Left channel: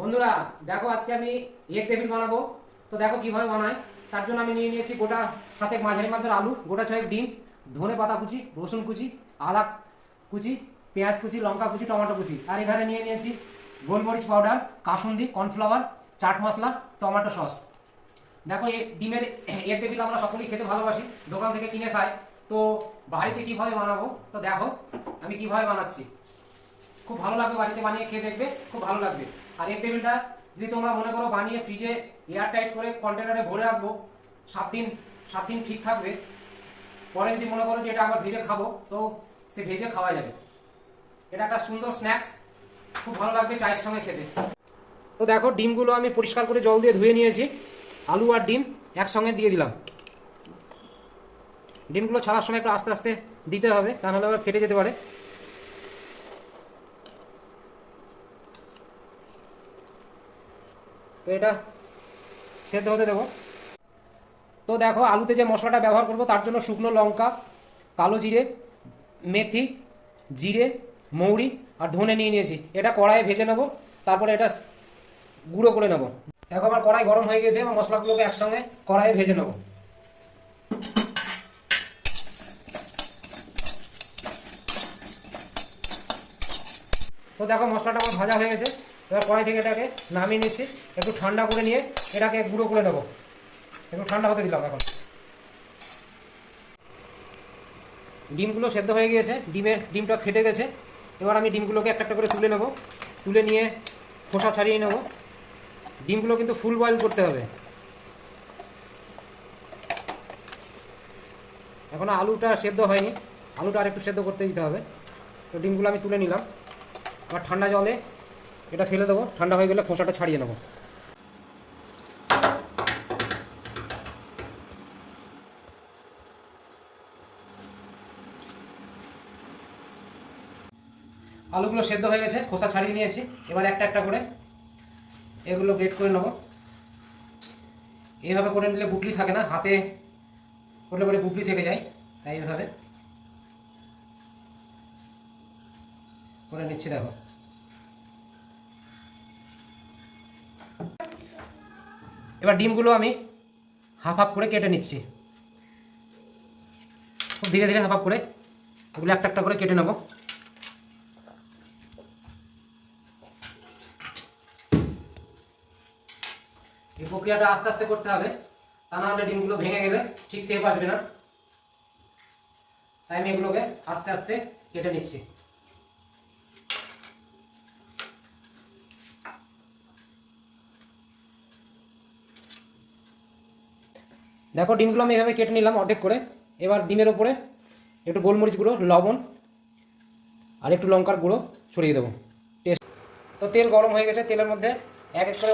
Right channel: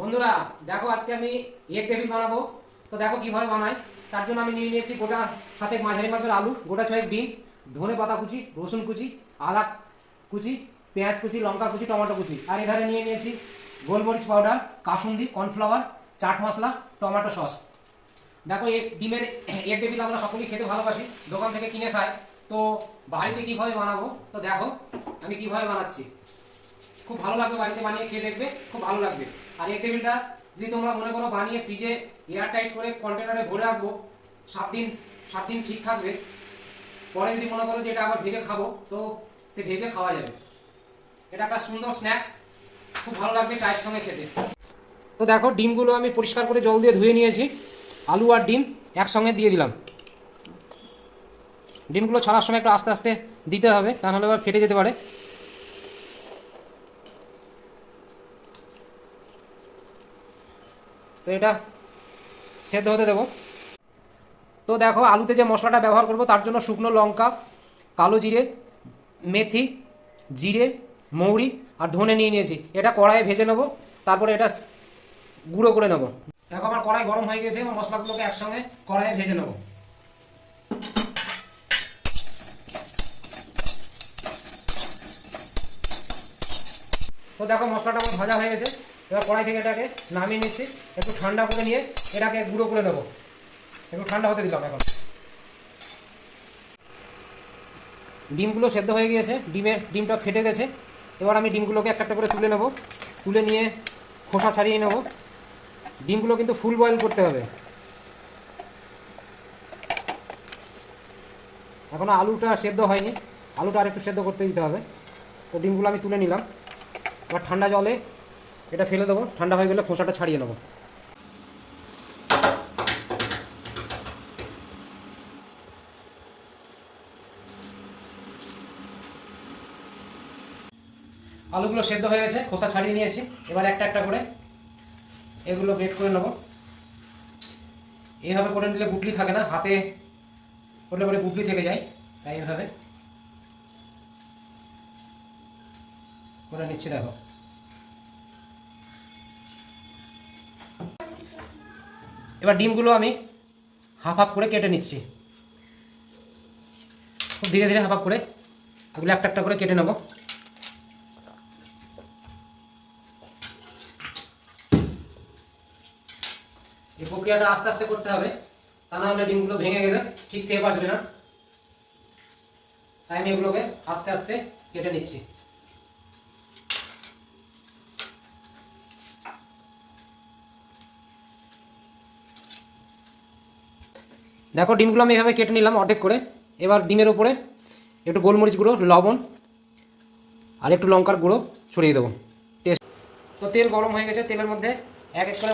বন্ধুরা দেখো, আজকে আমি এগ টেবিল বানাবো। তো দেখো কিভাবে বানাই। তার জন্য আমি নিয়ে নিয়েছি গোটা সাথে মাঝারি মাপের আলু, গোটা ছয়েক ডিম, ধনে পাতা কুচি, রসুন কুচি, আদা কুচি, পেঁয়াজ কুচি, লঙ্কা কুচি, টমেটো কুচি, আর এখানে নিয়ে নিয়েছি গোলমরিচ powder, kasundi, cornflour, chaat masala, tomato sauce. দেখো এই ডিমের এগ টেবিল আমরা সকলেই খেতে ভালোবাসি, দোকান থেকে কিনে খাই। তো বাড়িতে কিভাবে বানাবো, তো দেখো আমি কিভাবে বানাচ্ছি। খুব ভালো লাগবে, বাড়িতে বানিয়ে খেয়ে দেখবে, খুব ভালো লাগবে। আর এই টেবিলটা যদি তোমরা মনে করো বানিয়ে ফ্রিজে এয়ার টাইট করে কন্টেনারে ভরে রাখবো, 7 দিন 7 দিন ঠিক থাকবে। পরে যদি মনে করো যে এটা আবার ভেজে খাবো, তো সে ভেজে খাওয়া যাবে। এটা একটা সুন্দর স্ন্যাক্স, খুব ভালো লাগবে চায়ের সঙ্গে খেতে। তো দেখো ডিমগুলো আমি পরিষ্কার করে জল দিয়ে ধুয়ে নিয়েছি। আলু আর ডিম একসঙ্গে দিয়ে দিলাম। ডিমগুলো ছাড়ার সময় একটু আস্তে আস্তে দিতে হবে, তা নাহলে আবার ফেটে যেতে পারে। তো এটা সেদ্ধ হতে দেবো। তো দেখো আলুতে যে মশলাটা ব্যবহার করব, তার জন্য শুকনো লঙ্কা, কালো জিরে, মেথি, জিরে, মৌরি আর ধনে নিয়ে নিয়েছি। এটা কড়াইয়ে ভেজে নেবো, তারপরে এটা গুঁড়ো করে নেবো। দেখো আমার কড়াই গরম হয়ে গেছে, মশলাগুলোকে একসঙ্গে কড়াইয়ে ভেজে নেবো। তো দেখো মশলাটা আমার ভাজা হয়ে গেছে। এবার কড়াই থেকে এটাকে নামিয়ে নিচ্ছি, একটু ঠান্ডা করে নিয়ে এটাকে গুঁড়ো করে নেবো। একটু ঠান্ডা হতে দিলাম। এখন ডিমগুলো সেদ্ধ হয়ে গিয়েছে, ডিমটা ফেটে গেছে। এবার আমি ডিমগুলোকে একটা একটা করে তুলে নেব, তুলে নিয়ে খোসা ছাড়িয়ে নেব। ডিমগুলো কিন্তু ফুল বয়েল করতে হবে। এখনও আলুটা সেদ্ধ হয়নি, আলুটা আর একটু সেদ্ধ করতে দিতে হবে। তো ডিমগুলো আমি তুলে নিলাম। এবার ঠান্ডা জলে এটা ফেলে দেবো, ঠান্ডা হয়ে গেলে খোসাটা ছাড়িয়ে নেব। আলুগুলো সেদ্ধ হয়ে গেছে, খোসা ছাড়িয়ে নিয়েছি। এবার একটা একটা করে এগুলো গ্রেট করে নেব। এইভাবে করে নিলে গুটলি থাকে না, হাতে করলে পরে গুটলি থেকে যায়, তাই এইভাবে করে নিচ্ছি। দেখো এবার ডিমগুলো আমি হাফ হাফ করে কেটে নিচ্ছি। খুব ধীরে ধীরে হাফ হাফ করে এগুলো একটা একটা করে কেটে নেব। এই প্রক্রিয়াটা আস্তে আস্তে করতে হবে, তা না হলে ডিমগুলো ভেঙে গেলে ঠিক শেপ আসবে না। তাই আমি এগুলোকে আস্তে আস্তে কেটে নিচ্ছি। দেখো ডিমগুলো আমি এভাবে কেটে নিলাম অর্ধেক করে। এবার ডিমের ওপরে একটু গোলমরিচ গুঁড়ো, লবণ আর একটু লঙ্কার গুঁড়ো ছড়িয়ে দেবো টেস্ট। তো তেল গরম হয়ে গেছে, তেলের মধ্যে এক এক করে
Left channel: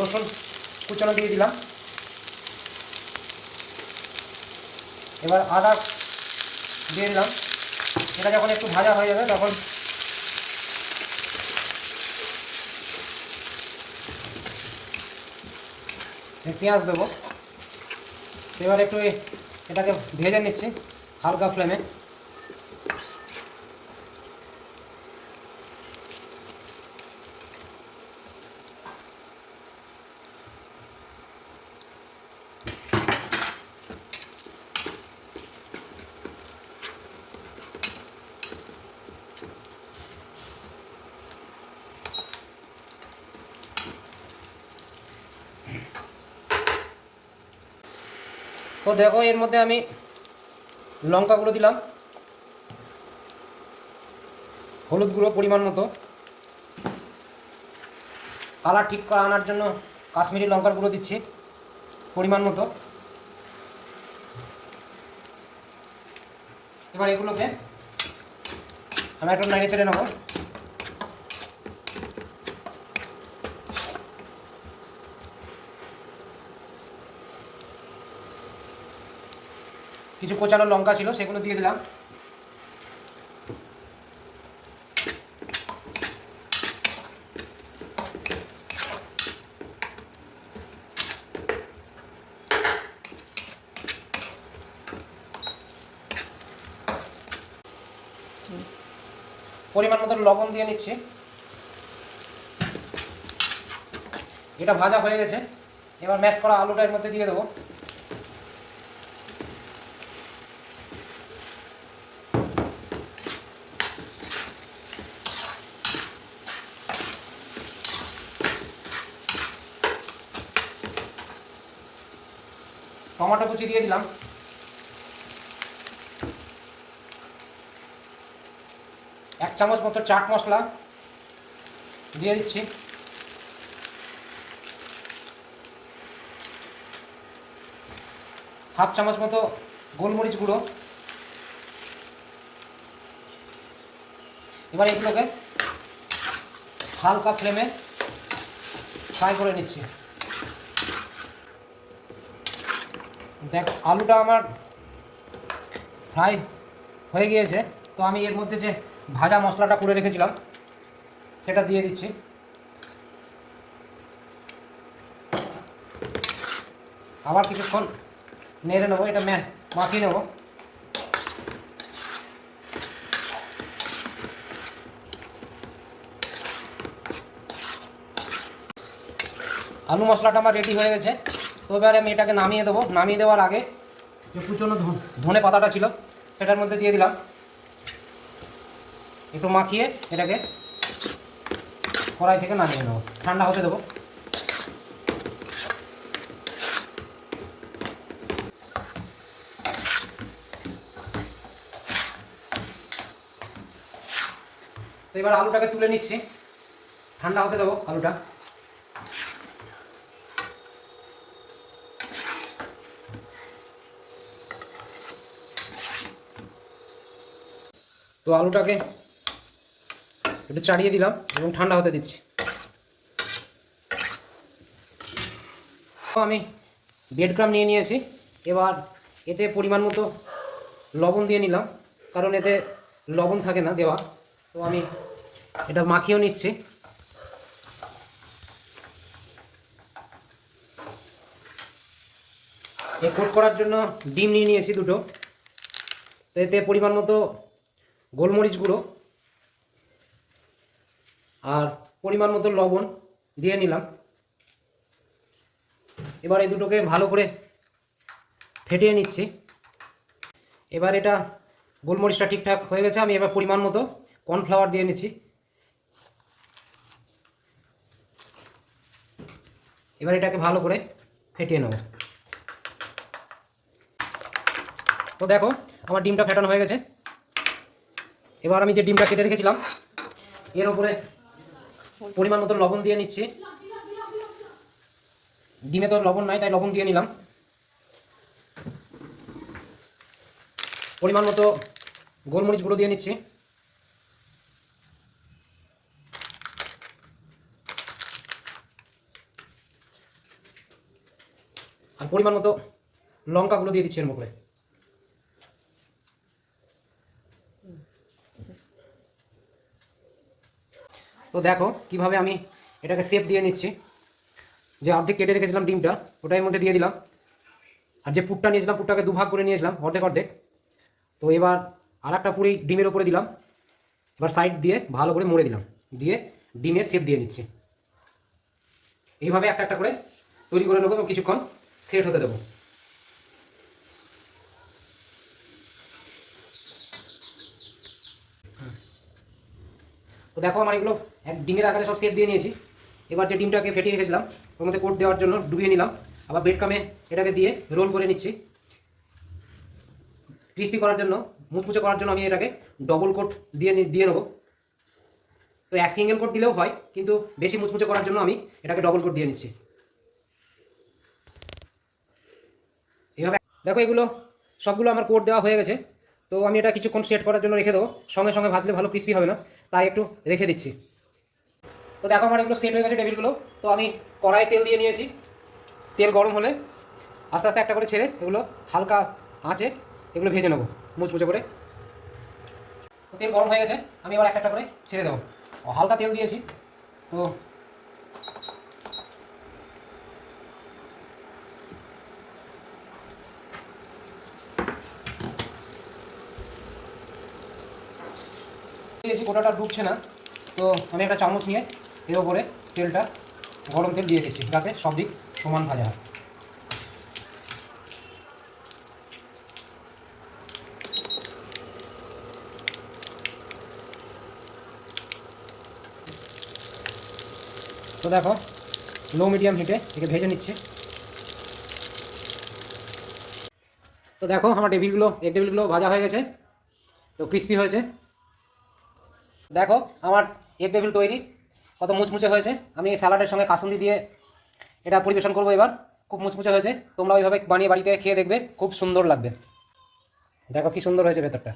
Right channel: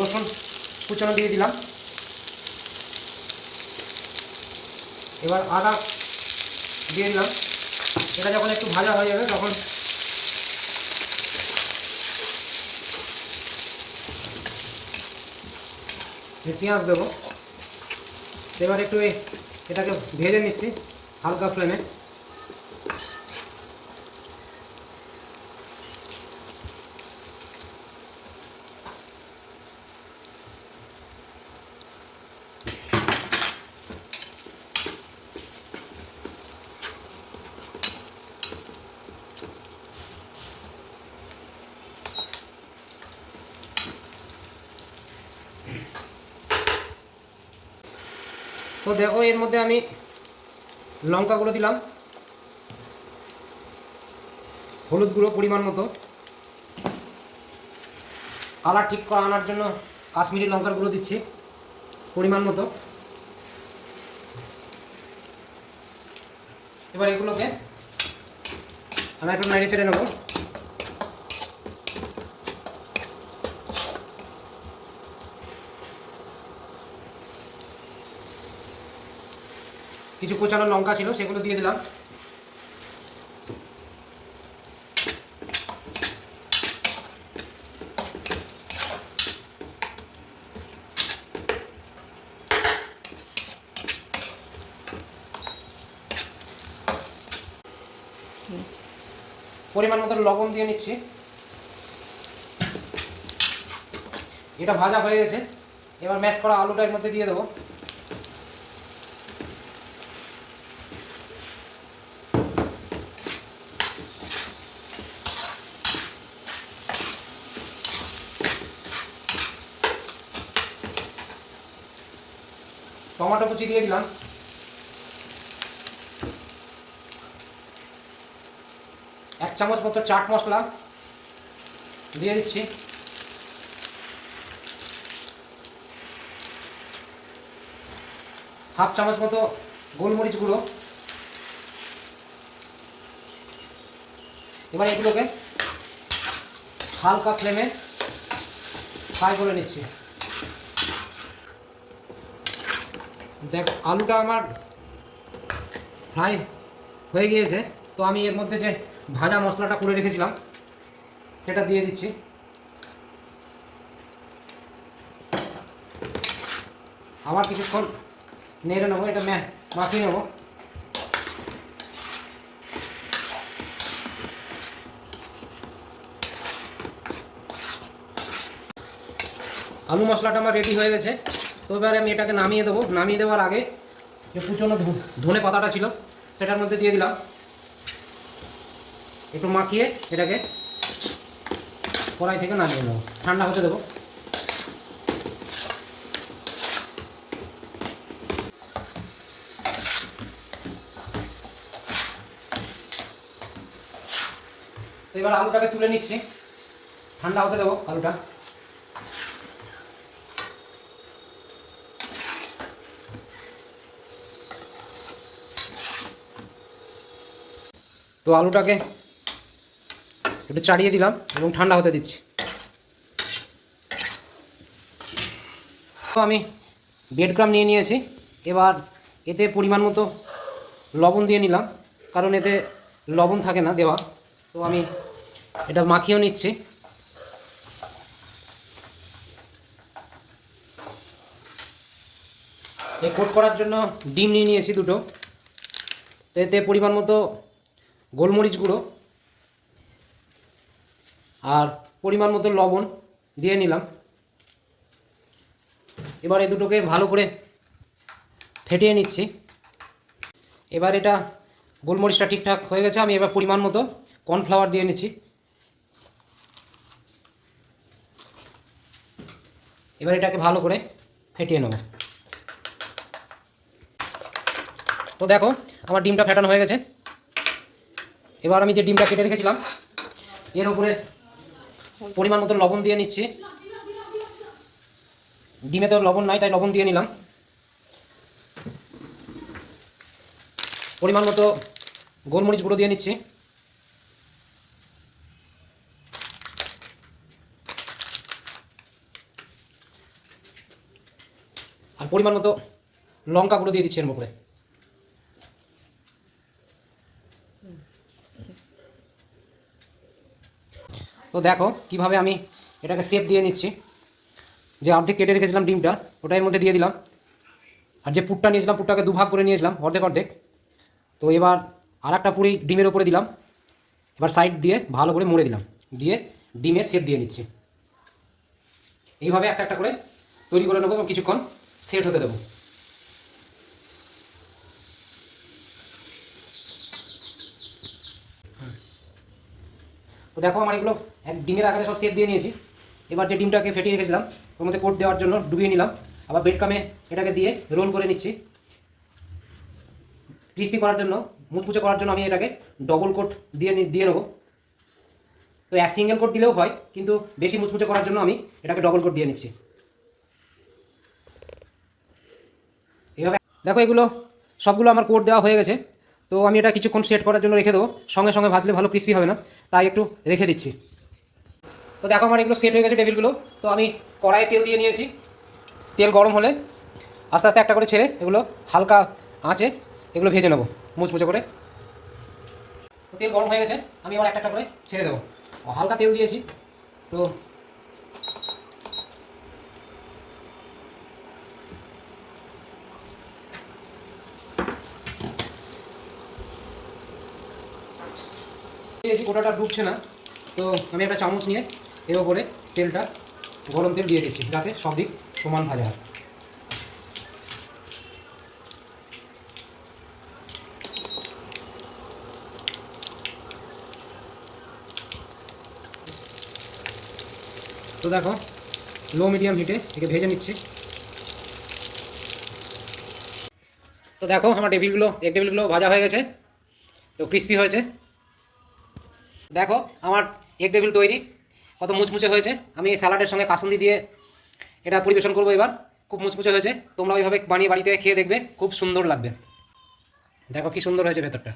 রসুন কুচানো দিয়ে দিলাম। এবার আদা দিয়ে দিলাম। এটা যখন একটু ভাজা হয়ে যাবে তখন পেঁয়াজ দেবো। এবার একটু এটাকে ভেজে নিচ্ছি হালকা ফ্লেমে। তো দেখো এর মধ্যে আমি লঙ্কা গুঁড়ো দিলাম, হলুদ গুঁড়ো পরিমাণ মতো, কালার ঠিক করে আনার জন্য কাশ্মীরি লঙ্কার গুঁড়ো দিচ্ছি পরিমাণ মতো। এবার এগুলোকে আমি একটু নেড়ে চেড়ে নেবো। কিছু কোচানো লঙ্কা ছিল, সেগুলো দিয়ে দিলাম। পরিমাণ মতো লবণ দিয়ে নিচ্ছি। এটা ভাজা হয়ে গেছে, এবার ম্যাশ করা আলুটা এর মধ্যে দিয়ে দেবো। টমেটো কুচি দিয়ে দিলাম, এক চামচ মতো চাট মশলা দিয়ে দিচ্ছি, হাফ চামচ মতো গোলমরিচ গুঁড়ো। এবার এগুলোকে হালকা ফ্লেমে ফ্রাই করে নিচ্ছি। দেখ আলুটা আমার ফ্রাই হয়ে গিয়েছে, তো আমি এর মধ্যে যে ভাজা মশলাটা করে রেখেছিলাম সেটা দিয়ে দিচ্ছি। আবার কিছুক্ষণ নেড়ে নেবো, এটা মাখিয়ে নেবো। আলু মশলাটা আমার রেডি হয়ে গেছে, তো এবারে আমি এটাকে নামিয়ে দেবো। নামিয়ে দেওয়ার আগে যে কুচনো ধনে পাতাটা ছিল সেটার মধ্যে দিয়ে দিলাম, একটু মাখিয়ে এটাকে কড়াই থেকে নামিয়ে নেবো, ঠান্ডা হতে দেবো। তো এবার আলুটাকে তুলে নিচ্ছি, ঠান্ডা হতে দেবো আলুটা। তো আলুটাকে একটু চাড়িয়ে দিলাম এবং ঠান্ডা হতে দিচ্ছি। তো আমি ব্রেড ক্রাম্ব নিয়ে নিয়েছি, এবার এতে পরিমাণ মতো লবণ দিয়ে নিলাম, কারণ এতে লবণ থাকে না দেওয়া। তো আমি এটা মাখিয়েও নিচ্ছি। কোট করার জন্য ডিম নিয়ে নিয়েছি দুটো, তো এতে পরিমাণ মতো গোলমরিচ গুঁড়ো আর পরিমাণ মতো লবণ দিয়ে নিলাম। এবার এই দুটোকে ভালো করে ফেটিয়ে নিচ্ছি। এবার এটা গোলমরিচটা ঠিকঠাক হয়ে গেছে, আমি এবার পরিমাণ মতো কর্নফ্লাওয়ার দিয়ে নিচ্ছি। এবার এটাকে ভালো করে ফেটিয়ে নেব। তো দেখো আমার ডিমটা ফেটানো হয়ে গেছে। এবার আমি যে ডিমটা কেটে রেখেছিলাম এর উপরে পরিমাণ মতো লবণ দিয়ে নিচ্ছি। ডিমে তো লবণ নাই, তাই লবণ দিয়ে নিলাম। পরিমাণ মতো গোলমরিচ গুঁড়ো দিয়ে নিচ্ছি। আর পরিমাণ মতো লঙ্কা গুঁড়ো দিয়ে দিচ্ছি এর উপরে। তো দেখো কিভাবে আমি এটাকে শেপ দিয়ে নিচ্ছি। যে অর্ধেক কেটে রেখেছিলাম ডিমটা ওটা এর মধ্যে দিয়ে দিলাম, আর যে পুরটা নিয়েছিলাম পুরটাকে দুভাগ করে নিয়েছিলাম অর্ধেক অর্ধেক। তো এবার আর একটা পুরি ডিমের ওপরে দিলাম, এবার সাইড দিয়ে ভালো করে মুড়ে দিলাম, দিয়ে ডিমের শেপ দিয়ে নিচ্ছি। এইভাবে একটা একটা করে তৈরি করে নেবো এবং কিছুক্ষণ সেট হতে দেবো। তো দেখো আমার এগুলো এক ডিমের আকারে সব শেপ দিয়ে নিয়েছি। এবার যে ডিমটাকে ফেটিয়ে রেখেছিলাম ওর মধ্যে কোট দেওয়ার জন্য ডুবিয়ে নিলাম, আবার ব্রেড ক্রামে এটাকে দিয়ে রোল করে নিচ্ছি। ক্রিস্পি করার জন্য, মুচমুচে করার জন্য আমি এটাকে ডবল কোট দিয়ে নেবো। তো এক সিঙ্গেল কোট দিলেও হয়, কিন্তু বেশি মুচমুচে করার জন্য আমি এটাকে ডবল কোট দিয়ে নিচ্ছি। এভাবে দেখো এগুলো সবগুলো আমার কোট দেওয়া হয়ে গেছে। তো আমি এটা কিছুক্ষণ সেট করার জন্য রেখে দেবো, সঙ্গে সঙ্গে ভাজলে ভালো ক্রিস্পি হবে না, তাই একটু রেখে দিচ্ছি। তো দেখো আমার এগুলো সেট হয়ে গেছে টেবিলগুলো। তো আমি কড়াইয়ে তেল দিয়ে নিয়েছি, তেল গরম হলে আস্তে আস্তে একটা করে ছেড়ে এগুলো হালকা আঁচে এগুলো ভেজে নেবো মুচমুচে করে। তো তেল গরম হয়ে গেছে, আমি এবার একটা একটা করে ছেড়ে দেবো। হালকা তেল দিয়েছি তো গোটাটা ডুবছে না, তো আমি একটা চামচ নিয়ে এর ওপরে তেলটা গরম তেল দিয়ে দিচ্ছি যাতে সব দিক সমান ভাজা হয়। তো দেখো লো মিডিয়াম হিটে একে ভেজে নিচ্ছি। তো দেখো আমার এগ টেবিলগুলো ভাজা হয়ে গেছে, তো ক্রিস্পি হয়েছে। দেখো আমার এগ টেবিল তৈরি, কত মুচমুচে হয়েছে। আমি স্যালাডের সঙ্গে কাসুন্দি দিয়ে এটা পরিবেশন করবো এবার। খুব মুচমুচে হয়েছে, তোমরা ওইভাবে বানিয়ে বাড়িতে খেয়ে দেখবে, খুব সুন্দর লাগবে। দেখো কি সুন্দর হয়েছে ভেতরটা।